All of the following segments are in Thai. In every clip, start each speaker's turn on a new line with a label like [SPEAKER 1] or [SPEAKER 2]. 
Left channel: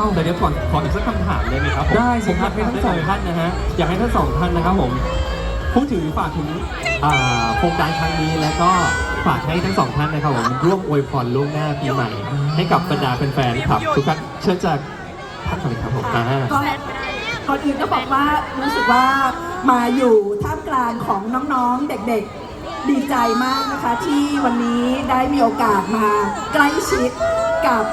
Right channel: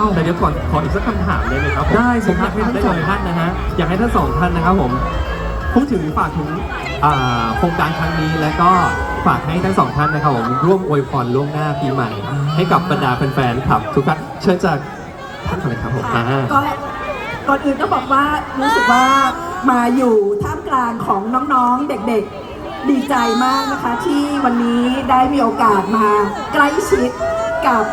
[SPEAKER 1] าวแต่เดี๋ยวก่อนขออีกสักคำถามได้ไหมครับผม
[SPEAKER 2] ได้สิครับ
[SPEAKER 1] ผมอยากให้ทั้งสองท่านนะฮะอยากให้ทั้งสองท่านนะครับผมพูดถึงฝากถึงอ่าโครงการครั้งนี้แล้วก็ฝากให้ทั้งสองท่านนะครับผมร่วมอวยพรล่วงหน้าปีใหม่ ให้กับบรรดาแฟนๆครับทุกท่านเชิญจากท่านก่อนเลยครับผมอ่า
[SPEAKER 3] ก็ก่อนอื่นก็บอกว่ารู้สึกว่ามาอยู่ท่ามกลางของน้องๆเด็กๆ ดีใจมากนะคะ ที่วันนี้ได้มีโอกาสมาใกล้ชิดกับ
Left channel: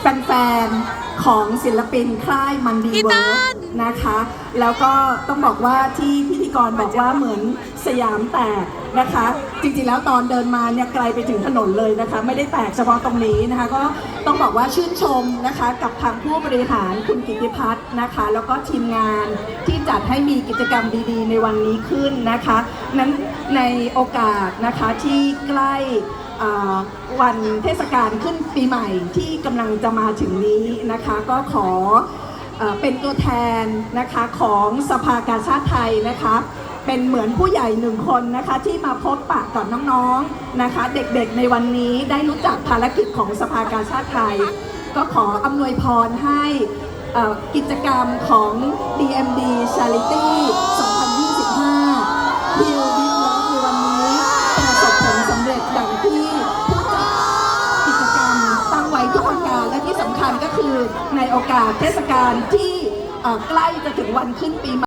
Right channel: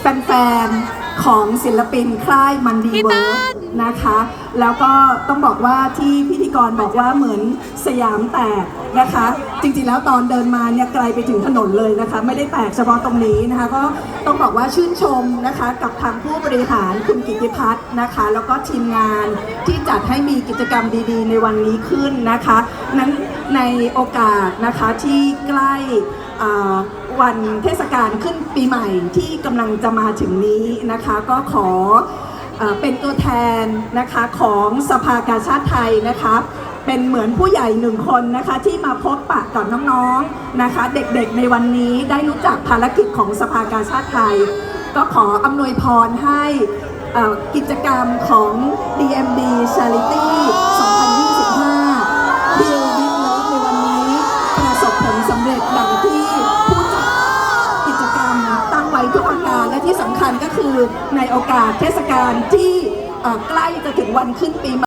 [SPEAKER 3] แฟนๆ ของศิลปินค่ายมันดีเวิร์นะคะ แล้วก็ต้องบอกว่าที่พิธีกรบอกว่าเหมือนสยามแตกนะคะ จริงๆแล้วตอนเดินมาเนี่ยไกลไปถึงถนนเลยนะคะ ไม่ได้แตกเฉพาะตรงนี้นะคะ ก็ต้องบอกว่าชื่นชมนะคะกับทางผู้บริหารคุณกิติพัฒน์นะคะ แล้วก็ทีมงานที่จัดให้มีกิจกรรมดีๆ ในวันนี้ขึ้นนะคะนั้นในโอกาสนะคะที่ใกล้อ่า วันเทศกาลขึ้นปีใหม่ที่กำลังจะมาถึงนี้นะคะ ก็ขอเป็นตัวแทนนะคะของสภากาชาติไทยนะคะ เป็นเหมือนผู้ใหญ่หนึ่งคนนะคะที่มาพบปะกับน้องๆนะคะ เด็กๆในวันนี้ได้รู้จักภารกิจของสภากาชาติไทย ก็ขออำนวยพรให้อกิจกรรมของ DMD Charity ในโอกาสเทศกาลที่ใกล้จะถึงวันขึ้นปีใหม่